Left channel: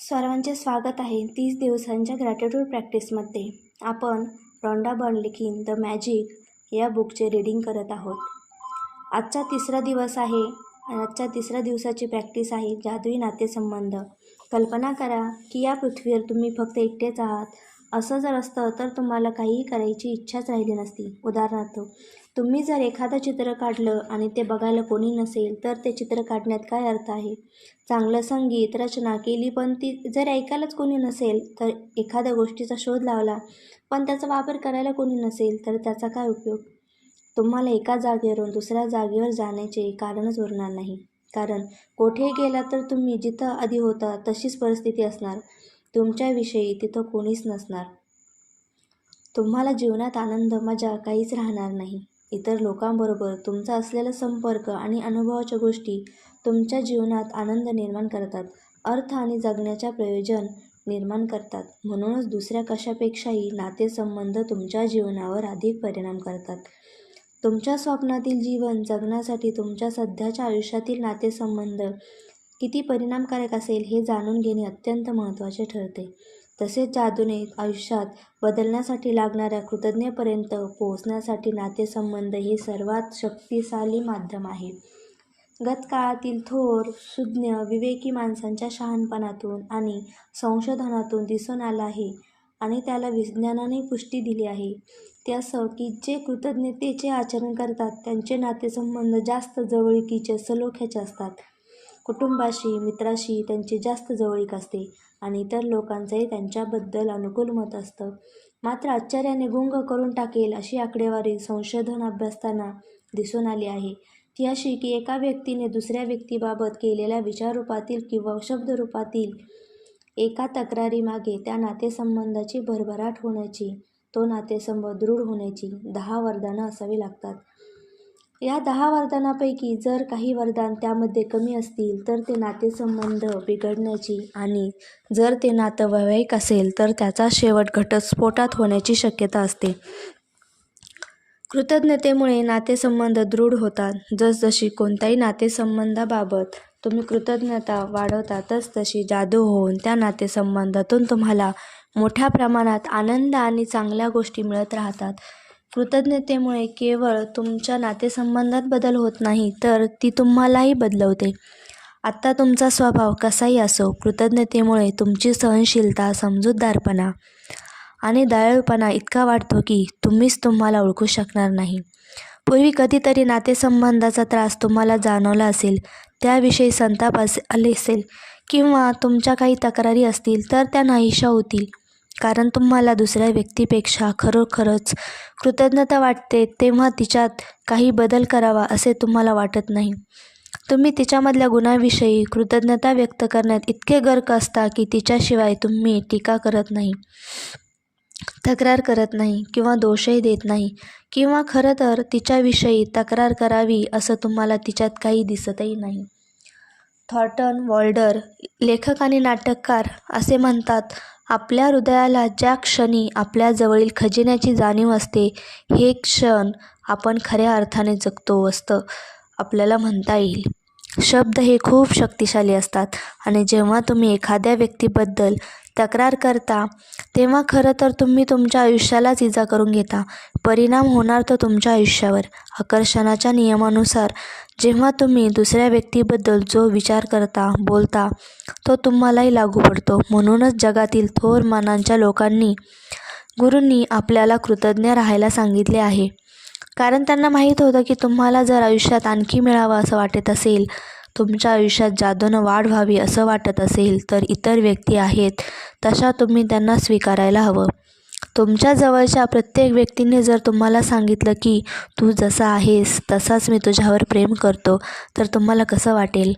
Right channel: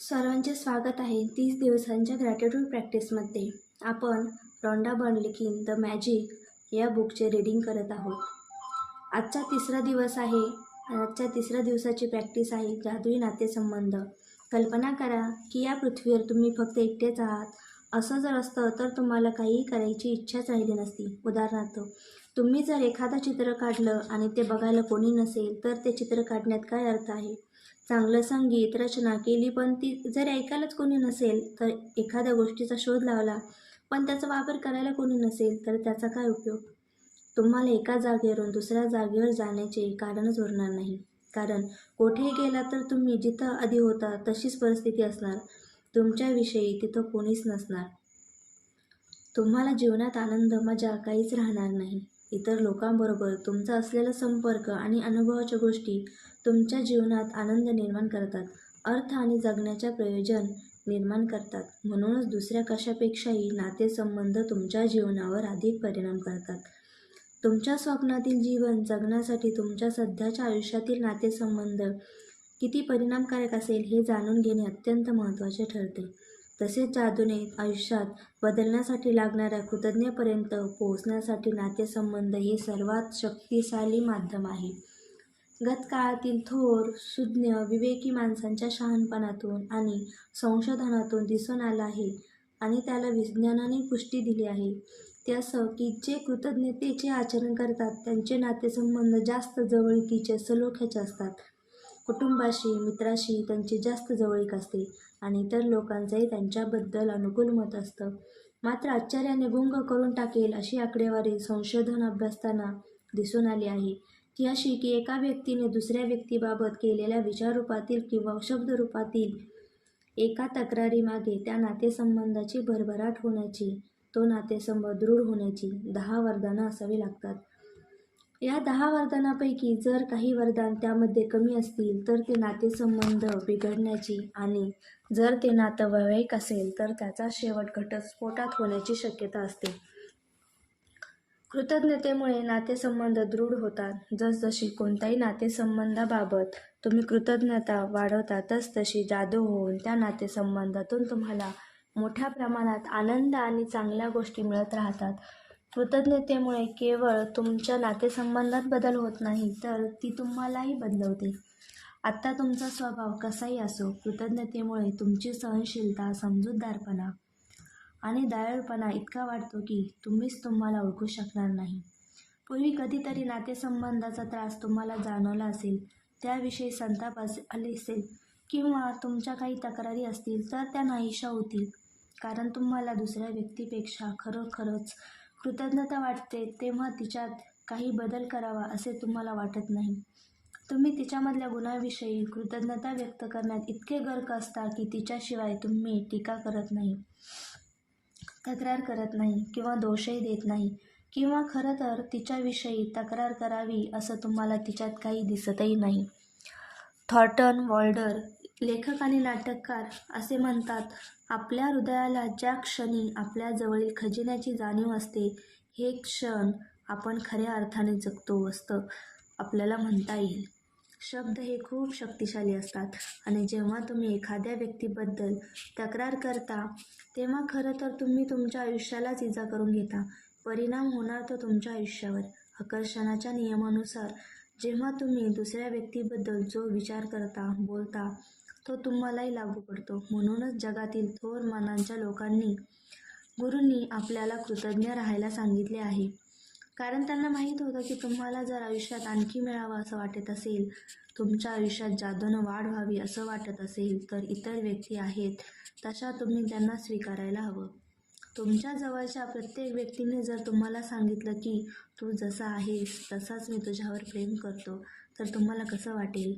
सर्वांचे स्वागत आहे 30 दिवसांच्या ग्रॅटिट्यूड प्रॅक्टिसमध्ये. आपण रॉन्डा बर्नलिन द मॅजिक या बुकचे रीडिंग करत आहोत. आजचा तिसरा दिवस आहे आणि आजच्या तिसऱ्या दिवसाची प्रॅक्टिस आहे जादुई नातेसंबंध. कल्पना करा की या पृथ्वीवर तुम्ही फक्त एकटेच आहात. असं जर असतं तर तुम्हाला काहीही करायची इच्छाच राहिली नसती. उदाहरणार्थ, तुम्ही जर एखादं चित्र काढलं आणि ते बघायला कोणी नसेल तर ते चित्र काढण्यात काय अर्थ आहे? चांगलं संगीत रचना केली पण ती जर ऐकायलाच कोणी नसेल, तर एखाद्या गोष्टीचा शोध लावला पण त्याचा वापर करायला कोणी नसेल तर त्याचा काय उपयोग? तुम्हाला एका जागेवरून दुसऱ्या जागेवर जाण्याचे कारणच उरणार नाही. कारण कोठेही गेला तर तुम्ही जिथं आधी होता तशीच परिस्थिती असणार. तुमच्याविषयी तिथं कोणीच नसणार. तुम्हाला जीवनात आनंद मजा काहीच राहणार नाही. इतर लोकांबरोबर तुमचा असलेला संपर्क आणि अनुभवाच्या गोष्टी तुमच्या जीवनात आनंद निर्माण करतात, अर्थ आणि जगण्याच्या प्रयोजन निर्माण करतात. म्हणूनच दुसऱ्या कशापेक्षाही नातेसंबंध तुमच्या जीवनावर अधिक परिणाम करतात. तुमच्या स्वप्नातील जीवन जगण्यासाठी तुमच्या सध्याच्या आयुष्यातील नातेसंबंध किती परिणामकारक असेल हे जाणून घेणे अत्यंत महत्त्वाचे ठरते. तसेच जादूने आयुष्यात बदलण्यासाठी लागणाऱ्या कृतज्ञतेपर्यंत पोहोचण्यासाठी नातेसंबंध हे सर्वात शक्तिशाली माध्यम आहे. गतकाळातील थोर, सुज्ञ, विवेकी माणसांच्या शहाणपणातून आणि संशोधनातून दिसून आलं आहे आणि त्याला विज्ञानाने पुष्टी दिली आहे. ते असं की जे कृतज्ञतेचे आचरण करतात त्यांचे नातेसंबंध जास्त जवळीकीचे, सलोख्याचे असतात. कुटुंबाशी, मित्राशी त्यांची जास्त जवळीक असते आणि इतर लोकांचंही त्यांच्याबद्दल अनुकूल मत असतं. मात्र आश्चर्याने गुंग करून टाकेल अशी आकडेवारी संशोधन अभ्यासताना दिसून आली आहे. ती अशी की एका व्यक्तीने दुसऱ्या व्यक्तीबाबत केलेल्या विचाररूपातील किंवा शब्दरूपातील एका तक्रारीमागे त्या नातेसंबंधाची भरभराट होण्याची, तो नातेसंबंध दृढ होण्याची 10 वरदानं असावी लागतात. या 10 वरदानापैकी जर काही वरदान त्यामध्ये कमी असतील तर ते नातेसंबंध बिघडण्याची आणि जर ते नातं वैवाहिक असेल तर त्याचा शेवट घटस्फोटात होण्याची शक्यता असते. कृतज्ञतेमुळे नातेसंबंध दृढ होतात. जसजशी कोणत्याही नातेसंबंधाबाबत तुम्ही कृतज्ञता वाढवता तसतशी जादू होऊन त्या नातेसंबंधातून तुम्हाला मोठ्या प्रमाणात आनंद आणि चांगल्या गोष्टी मिळत राहतात. कृतज्ञतेमुळे केवळ तुमच्या नातेसंबंधात बदल होत नाही तर ती तुम्हालाही बदलवते. आत्ता तुमचा स्वभाव कसाही असो, कृतज्ञतेमुळे तुमची सहनशीलता, समजूतदारपणा आणि दयाळूपणा इतका वाढतो की तुम्हीच तुम्हाला ओळखू शकणार नाही. पूर्वी कधीतरी नातेसंबंधाचा त्रास तुम्हाला जाणवला असेल, त्याविषयी संताप आले असेल किंवा तुमच्या काही तक्रारी असतील तर त्या नाहीशा होतील. कारण तुम्हाला दुसऱ्या व्यक्तीपेक्षा खरोखरच कृतज्ञता वाटते तेव्हा तिच्यात काही बदल करावा असे तुम्हाला वाटत नाही. तुम्ही तिच्यामधल्या गुणांविषयी कृतज्ञता व्यक्त करण्यात इतके गर्क असता की तिच्याशिवाय तुम्ही टीका करत नाही, तक्रार करत नाही किंवा दोषही देत नाही किंवा खरं तर तिच्याविषयी तक्रार करावी असं तुम्हाला तिच्यात काही दिसतही नाही. थॉर्नटन वॉल्डर, लेखक आणि नाटककार, असे म्हणतात, आपल्या हृदयाला ज्या क्षणी आपल्या जवळील खजिन्याची जाणीव असते हे क्षण आपण खऱ्या अर्थाने जगतो असतं आपल्याला म्हणता येईल. शब्द हे खूप शक्तिशाली असतात आणि जेव्हा तुम्ही एखाद्या व्यक्तीबद्दल तक्रार करता तेव्हा खरं तर तुम्ही तुमच्या आयुष्यालाच इजा करून घेता. परिणाम होणार तो तुमच्या आयुष्यावर. आकर्षणाच्या नियमानुसार जेव्हा तुम्ही दुसऱ्या व्यक्तीबद्दल जो विचार करता, बोलता तो तुम्हालाही लागू पडतो. म्हणूनच जगातील थोर मानांच्या लोकांनी, गुरूंनी आपल्याला कृतज्ञ राहायला सांगितले आहे. कारण त्यांना माहीत होतं की तुम्हाला जर आयुष्यात आणखी मिळावं असं वाटत असेल, तुमच्या आयुष्यात जादूनं वाढ व्हावी असं वाटत असेल तर इतर व्यक्ती आहेत तशा तुम्ही त्यांना स्वीकारायला हवं. तुमच्या जवळच्या प्रत्येक व्यक्तीने जर तुम्हाला सांगितलं की तू जसा आहेस तसाच मी तुझ्यावर प्रेम करतो तर तुम्हाला कसं वाटेल?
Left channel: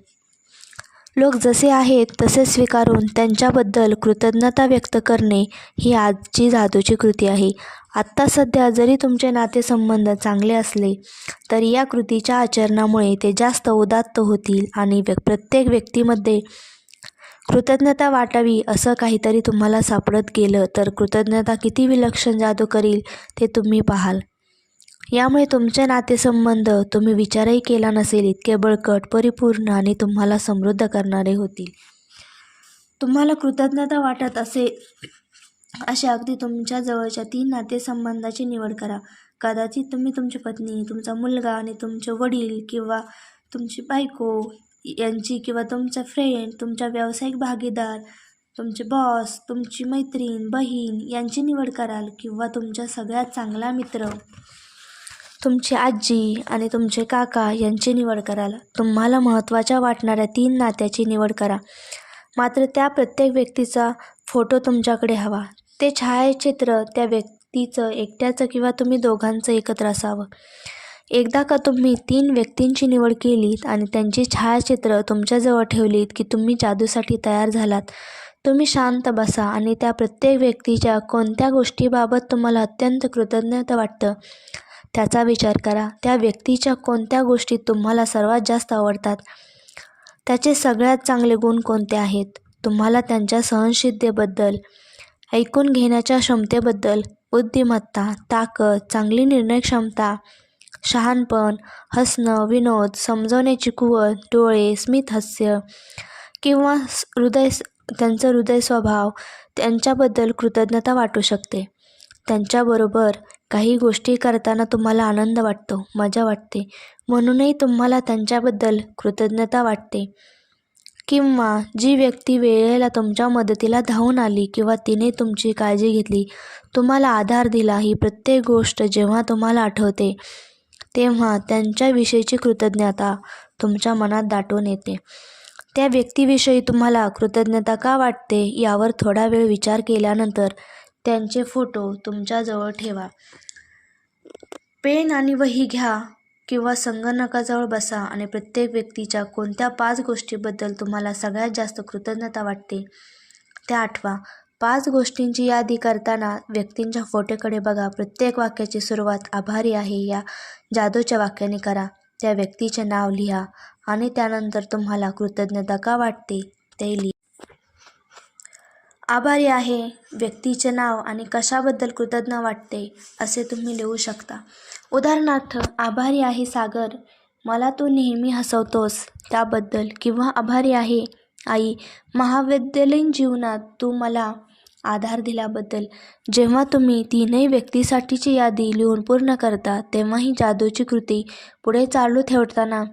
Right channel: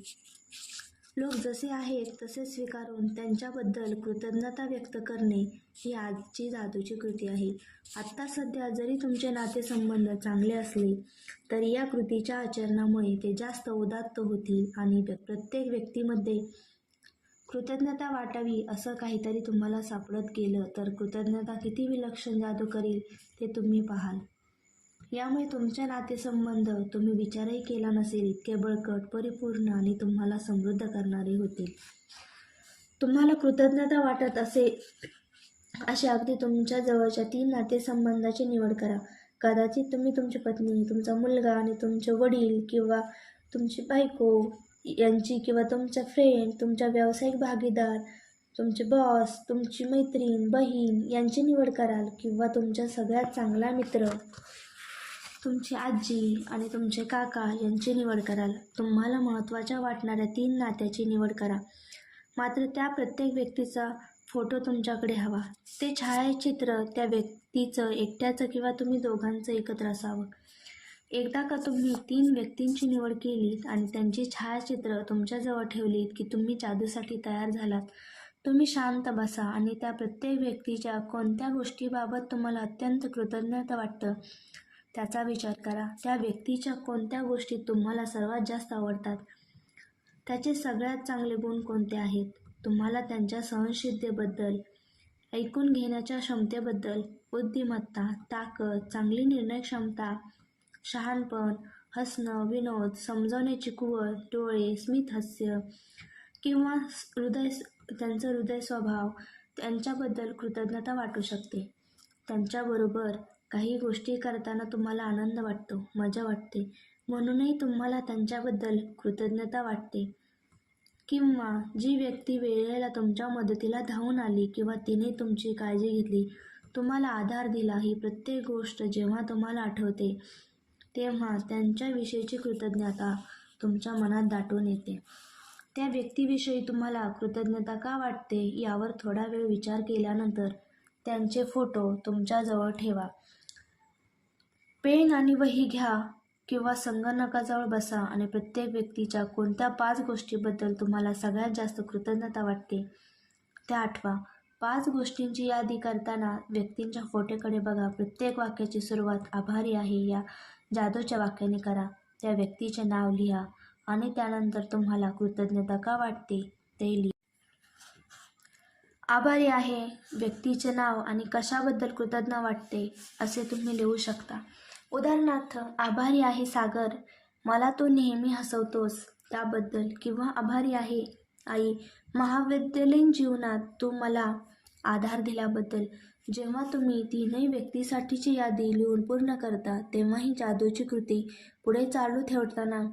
लोक जसे आहेत तसे स्वीकारून त्यांच्याबद्दल कृतज्ञता व्यक्त करणे ही आजची जादूची कृती आहे. आत्ता सध्या जरी तुमचे नातेसंबंध चांगले असले तरी या कृतीच्या आचरणामुळे ते जास्त उदात्त होतील आणि प्रत्येक व्यक्तीमध्ये कृतज्ञता वाटावी असं काहीतरी तुम्हाला सापडत गेलं तर कृतज्ञता किती विलक्षण जादू करील ते तुम्ही पाहाल. यामुळे तुमचे नातेसंबंध तुम्ही विचारही केला नसेल इतके बळकट, परिपूर्ण आणि तुम्हाला समृद्ध करणारे होतील. तुम्हाला कृतज्ञता वाटत असे अगदी तुमच्या जवळच्या 3 नातेसंबंधाची निवड करा. कदाचित तुम्ही तुमची पत्नी, तुमचा मुलगा आणि तुमचे वडील किंवा तुमची बायको यांची किंवा तुमचा फ्रेंड, तुमचा व्यावसायिक भागीदार, तुमचे बॉस, तुमची मैत्रीण, बहीण यांची निवड कराल किंवा तुमचा सगळ्यात चांगला मित्र, तुमची आजी आणि तुमचे काका यांची निवड कराल. तुम्हाला महत्त्वाच्या वाटणाऱ्या 3 नात्याची निवड करा. मात्र त्या प्रत्येक व्यक्तीचा फोटो तुमच्याकडे हवा. ते छायाचित्र त्या व्यक्तीचं एकट्याचं किंवा तुम्ही दोघांचं एकत्र असावं. एकदा का तुम्ही 3 व्यक्तींची निवड केलीत आणि त्यांची छायाचित्र तुमच्याजवळ ठेवलीत की तुम्ही जादूसाठी तयार झालात. तुम्ही शांत बसा आणि त्या प्रत्येक व्यक्तीच्या कोणत्या गोष्टीबाबत तुम्हाला अत्यंत कृतज्ञता वाटतं त्याचा विचार करा. त्या व्यक्तीच्या कोणत्या गोष्टी तुम्हाला सर्वात जास्त आवडतात, त्याचे सगळ्यात चांगले गुण कोणते आहेत, तुम्हाला त्यांच्या सहनशीलतेबद्दल, ऐकून घेण्याच्या क्षमतेबद्दल, बुद्धिमत्ता, ताकद, चांगली निर्णय क्षमता, शहाणपण, हसणं, विनोद, समजवण्याची कुवत, डोळे, स्मित हास्य किंवा त्यांचं हृदय स्वभाव त्यांच्याबद्दल कृतज्ञता वाटू शकते. त्यांच्याबरोबर काही गोष्टी करताना तुम्हाला आनंद वाटतो, मजा वाटते, म्हणूनही तुम्हाला त्यांच्याबद्दल कृतज्ञता वाटते. किंवा जी व्यक्ती वेळेला तुमच्या मदतीला धावून आली किंवा तिने तुमची काळजी घेतली, तुम्हाला आधार दिला, ही प्रत्येक गोष्ट जेव्हा तुम्हाला आठवते तेव्हा त्यांच्याविषयीची कृतज्ञता तुमच्या मनात दाटून येते. त्या व्यक्तीविषयी तुम्हाला कृतज्ञता का वाटते यावर थोडा वेळ विचार केल्यानंतर त्यांचे फोटो तुमच्याजवळ ठेवा. पेन आणि वही घ्या किंवा संगणकाजवळ बसा आणि प्रत्येक व्यक्तीच्या कोणत्या 5 गोष्टीबद्दल तुम्हाला सगळ्यात जास्त कृतज्ञता वाटते त्या आठवा. 5 गोष्टींची यादी करताना व्यक्तींच्या फोटोकडे बघा. प्रत्येक वाक्याची सुरुवात आभारी आहे या जादूच्या वाक्याने करा. त्या व्यक्तीचे नाव लिहा आणि त्यानंतर तुम्हाला कृतज्ञता का वाटते ते लिहा. आभारी आहे, व्यक्तीचे नाव आणि कशाबद्दल कृतज्ञ वाटते असे तुम्ही लिहू शकता. उदाहरणार्थ, आभारी आहे सागर, मला तू नेहमी हसवतोस त्याबद्दल. किंवा आभारी आहे आई, महाविद्यालयीन जीवनात तू मला आधार दिल्याबद्दल. जेव्हा तुम्ही 3ही व्यक्तीसाठीची यादी लिहून पूर्ण करता तेव्हा ही जादूची कृती पुढे चालू ठेवताना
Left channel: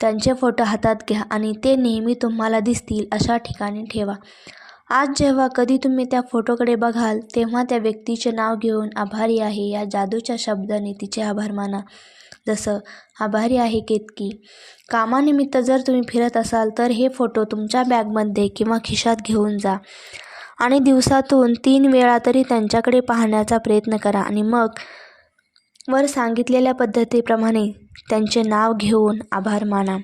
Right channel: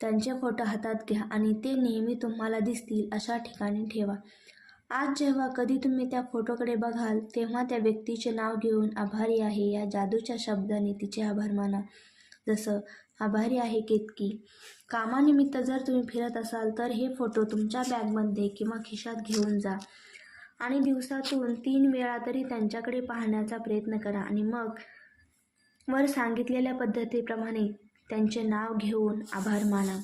त्यांचे फोटो हातात घ्या आणि ते नेहमी तुम्हाला दिसतील अशा ठिकाणी ठेवा. आज जेव्हा कधी तुम्ही त्या फोटोकडे बघाल तेव्हा त्या व्यक्तीचे नाव घेऊन आभारी आहे या जादूच्या शब्दाने तिचे आभार माना. जसं आभारी आहे केतकी. कामानिमित्त जर तुम्ही फिरत असाल तर हे फोटो तुमच्या बॅगमध्ये किंवा खिशात घेऊन जा आणि दिवसातून 3 वेळा तरी त्यांच्याकडे पाहण्याचा प्रयत्न करा आणि मग वर सांगितलेल्या पद्धतीप्रमाणे त्यांचे नाव घेऊन आभार माना.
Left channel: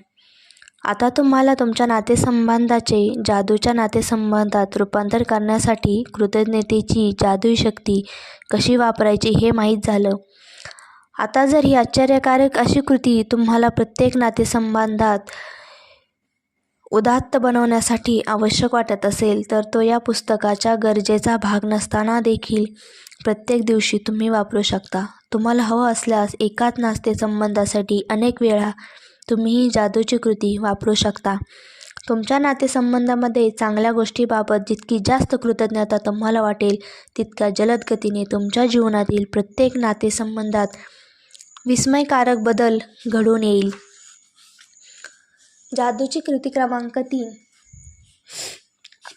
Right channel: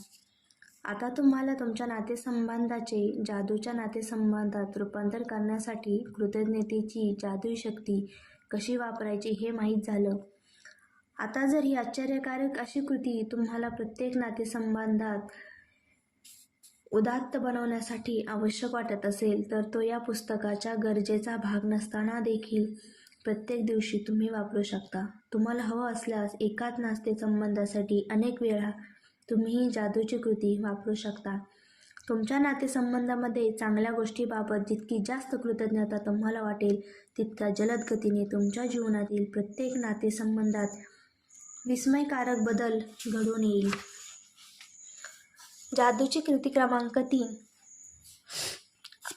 आता तुम्हाला तुमच्या नातेसंबंधाचे जादूच्या नातेसंबंधात रूपांतर करण्यासाठी कृतज्ञतेची जादुई शक्ती कशी वापरायची हे माहीत झालं. आता जर ही आश्चर्यकारक अशी कृती तुम्हाला प्रत्येक नातेसंबंधात उदात्त बनवण्यासाठी आवश्यक वाटत असेल तर तो या पुस्तकाच्या गरजेचा भाग नसताना देखील प्रत्येक दिवशी तुम्ही वापरू शकता. तुम्हाला हवं असल्यास एकाच नातेसंबंधासाठी अनेक वेळा तुम्ही ही जादूची कृती वापरू शकता. तुमच्या नातेसंबंधामध्ये चांगल्या गोष्टीबाबत जितकी जास्त कृतज्ञता तुम्हाला वाटेल तितक्या जलद गतीने तुमच्या जीवनातील प्रत्येक नातेसंबंधात विस्मयकारक बदल घडून येईल. जादूची कृती क्रमांक 3.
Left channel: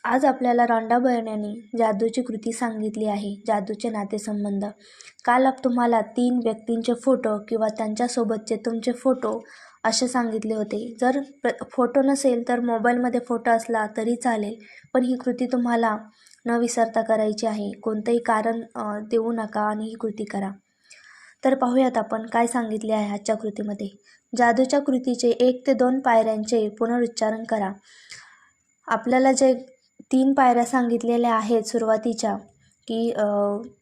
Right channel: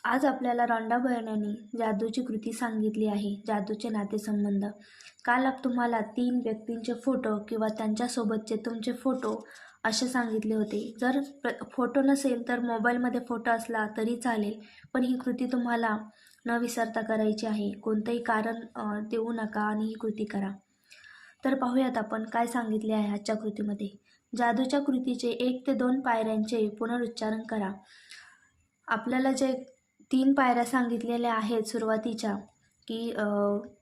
आज आपल्याला रॉन्डा बर्नने जादूची कृती सांगितली आहे. जादूचे नातेसंबंध. काल तुम्हाला 3 व्यक्तींचे फोटो किंवा त्यांच्यासोबतचे तुमचे फोटो असे सांगितले होते. जर फोटो नसेल तर मोबाईलमध्ये फोटो असला तरी चालेल, पण ही कृती तुम्हाला न विसरता करायची आहे. कोणतंही कारण देऊ नका आणि ही कृती करा. तर पाहूयात आपण काय सांगितले आहे आजच्या कृतीमध्ये. जादूच्या कृतीचे 1 ते 2 पायऱ्यांचे पुनरुच्चारण करा. आपल्याला जे 3 पायऱ्या सांगितलेल्या आहेत सुरुवातीच्या, की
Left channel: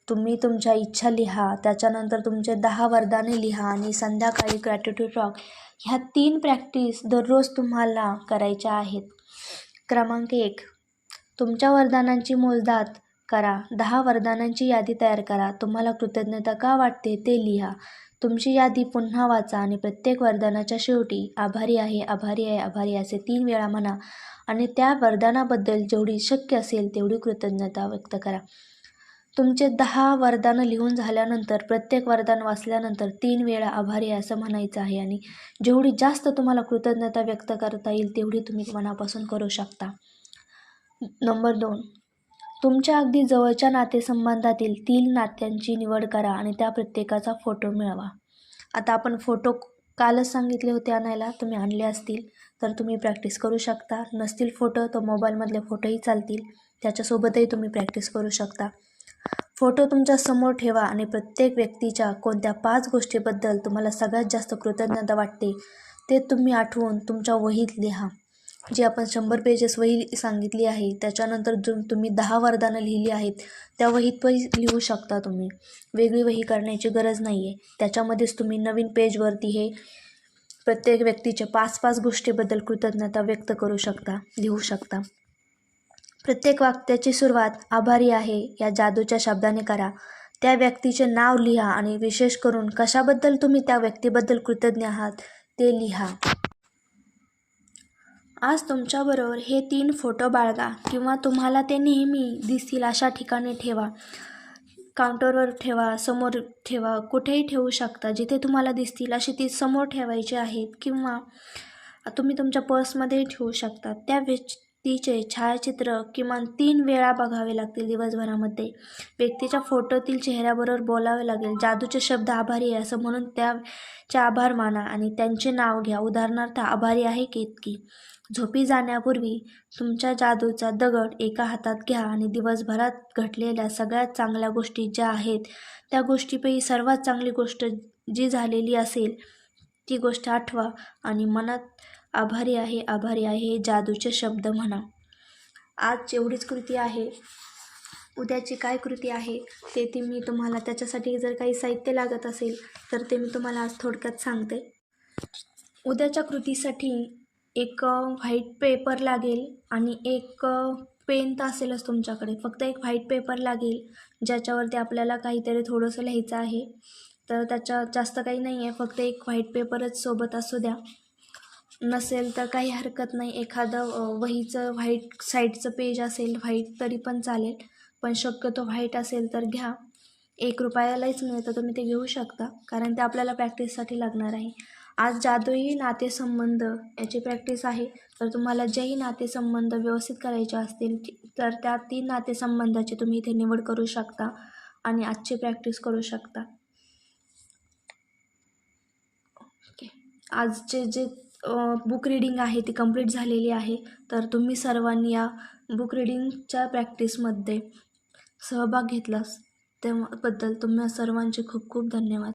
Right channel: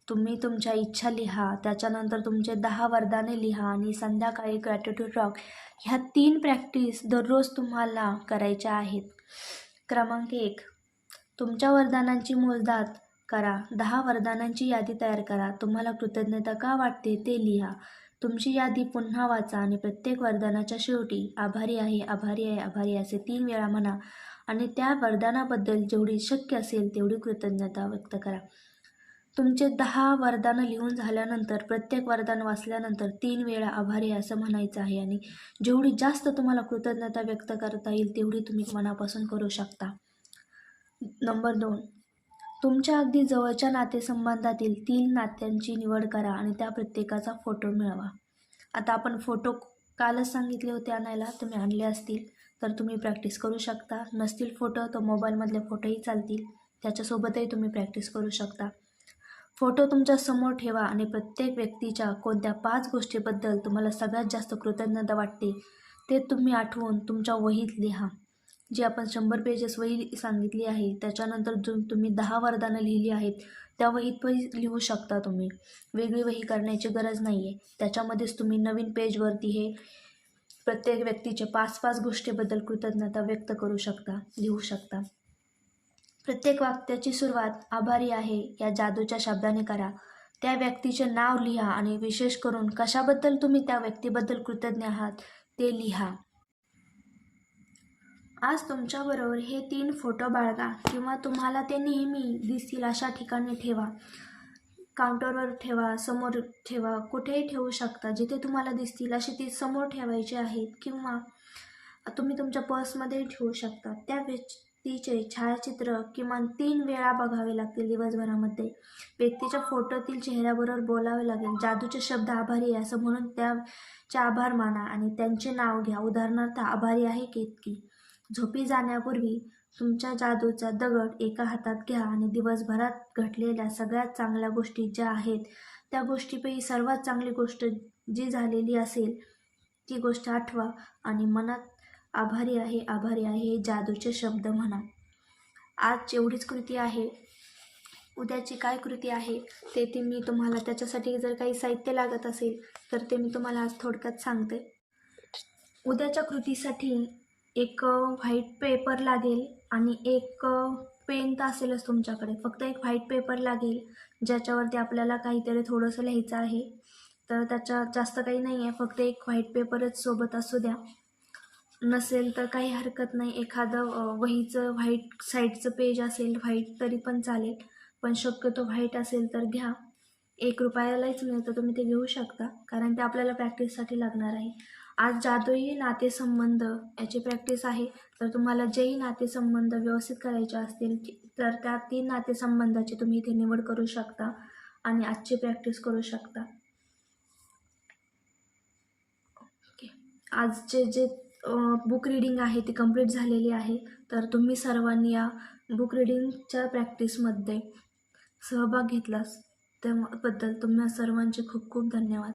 तुम्ही तुमच्या इच्छा लिहा, त्याच्यानंतर तुमचे 10 वरदाने लिहा आणि संध्याकाळी ग्रॅटिट्यूड टॉक. ह्या 3 प्रॅक्टिस दररोज तुम्हाला करायच्या आहेत. क्रमांक 1. तुमच्या वरदानांची मोजदाद करा. 10 वरदानांची यादी तयार करा. तुम्हाला कृतज्ञता का वाटते ते लिहा. तुमची यादी पुन्हा वाचा आणि प्रत्येक वरदानाच्या शेवटी आभारी आहे, आभारी आहे, आभारी असे 3 वेळा म्हणा आणि त्या वरदानाबद्दल जेवढी शक्य असेल तेवढी कृतज्ञता व्यक्त करा. तुमचे 10 वरदानं लिहून झाल्यानंतर प्रत्येक वरदान वाचल्यानंतर 3 वेळा आभारी आहे असं म्हणायचं आहे आणि जेवढी जास्त तुम्हाला कृतज्ञता व्यक्त करता येईल तेवढी तुम्ही मनापासून करू शकता. नंबर 2, तुमच्या अगदी जवळच्या नातेसंबंधातील 3 नात्यांची निवड करा आणि त्या प्रत्येकाचा फोटो मिळवा. आता आपण फोटो कालच सांगितले होते आणायला, तुम्ही आणले असतील तर तुम्ही प्रॅक्टिस करू शकता. नसतील फोटो तर मोबाईलमधले फोटोही चालतील, त्याच्यासोबतही तुम्ही प्रॅक्टिस करू शकता. फोटो तुमच्या समोर ठेवा आणि प्रत्येक व्यक्तीच्या कोणत्या 5 गोष्टीबद्दल तुम्हाला सगळ्यात जास्त कृतज्ञता वाटते ते तुम्ही आठवून तुमच्या वहीत लिहा. जी आपण 100 पेजेस वही सांगितली आहे त्याच्यानंतर जो तुम्ही 10 वरदानं लिहिली आहेत त्या वहीत लिहू शकता तुम्ही. वेगळी वही करण्याची गरज नाही आहे. त्याच्यामध्येच तुम्ही नवीन पेजवरती हे प्रत्येक व्यक्तीच्या 5-5 गोष्टीबद्दल कृतज्ञता व्यक्त करू शकता, लिहू शकता. प्रत्येक वाक्याची सुरुवात आभारी आहे या जादूच्या शब्दाने करा. त्या व्यक्तीचे नाव लिहा आणि विशेष करून कशाबद्दल तुम्ही त्या व्यक्तीबद्दल कृतज्ञ आहात ते लिहा. आज तुमच्याबरोबर हे 3 फोटो बाळगा किंवा तुम्हाला ते नेहमी दिसतील अशा ठिकाणी ठेवा. काउंटरवर ठेवा, समोर ठेवा, कुठेही ठेवू शकता. जिथे तुम्हाला दिसतील अशी ती समोर ठेवायची आहेत किंवा तुम्ही तुमच्या पर्समध्ये ठेवू शकता. त्या व्यक्तीचे छायाचित्र किमान 3 वेळा बघावे लागतील दिवसभरामध्ये. व्यक्तीच्या फोटोतील चेहऱ्याबरोबर बोलावे लागेल. जादूचे शब्द आभारी आहे असं म्हणून त्याचे आभार माना आणि त्यांचे नाव घ्या. उदाहरणार्थ आभारी आहे केतकी. झोपी जाण्यापूर्वी तुमच्या जादूचा दगड एका हातात घ्या आणि दिवसभरात घडलेल्या सगळ्यात चांगल्या गोष्टी ज्या आहेत त्या गोष्टीपैकी सर्वात चांगली गोष्ट जी झालेली असेल ती गोष्ट आठवा आणि मनात आभारी आहे हे जादूचे शब्द म्हणा. आज एवढीच कृती आहे. उद्याची काय कृती आहे ते मी तुम्हाला, त्याच्यासाठी जर काही साहित्य लागत असेल तर ते मी तुम्हाला आज थोडक्यात सांगते. उद्याच्या कृतीसाठी एक व्हाईट पेपर लागेल आणि एक पेन तर असेलच तुमच्याकडे. फक्त एक व्हाईट पेपर लागेल ज्याच्यावरती आपल्याला काहीतरी थोडंसं लिहायचं आहे. तर त्याच्यात जास्त काही नाही आहे, फक्त एक व्हाईट पेपरच सोबत असू द्या. नसेल तर काही हरकत नाही, एखादं वहीचं व्हाईट साईडचं पेज असेल व्हाईट तरी पण चालेल, पण शक्यतो व्हाईट असेल तर घ्या. 1 रुपयालाच मिळतं, तुम्ही ते घेऊ शकता कारण ते आपल्याला प्रॅक्टिससाठी लागणार आहे. आज जादुई नातेसंबंध याची प्रॅक्टिस आहे. तर तुम्हाला जेही नातेसंबंध व्यवस्थित करायचे असतील तर त्या 3 नातेसंबंधाची तुम्ही इथे निवड करू शकता आणि आजची प्रॅक्टिस करू शकता. ओके, आजचे जे बुक रिडिंग आहे ती कंप्लीट झालेली आहे. तर तुम्ही सर्वांनी या बुक रिडिंगच्या प्रॅक्टिसमध्ये सहभाग घेतलास त्याबद्दल तुम्हा सर्वांचे खूप खूप धन्यवाद.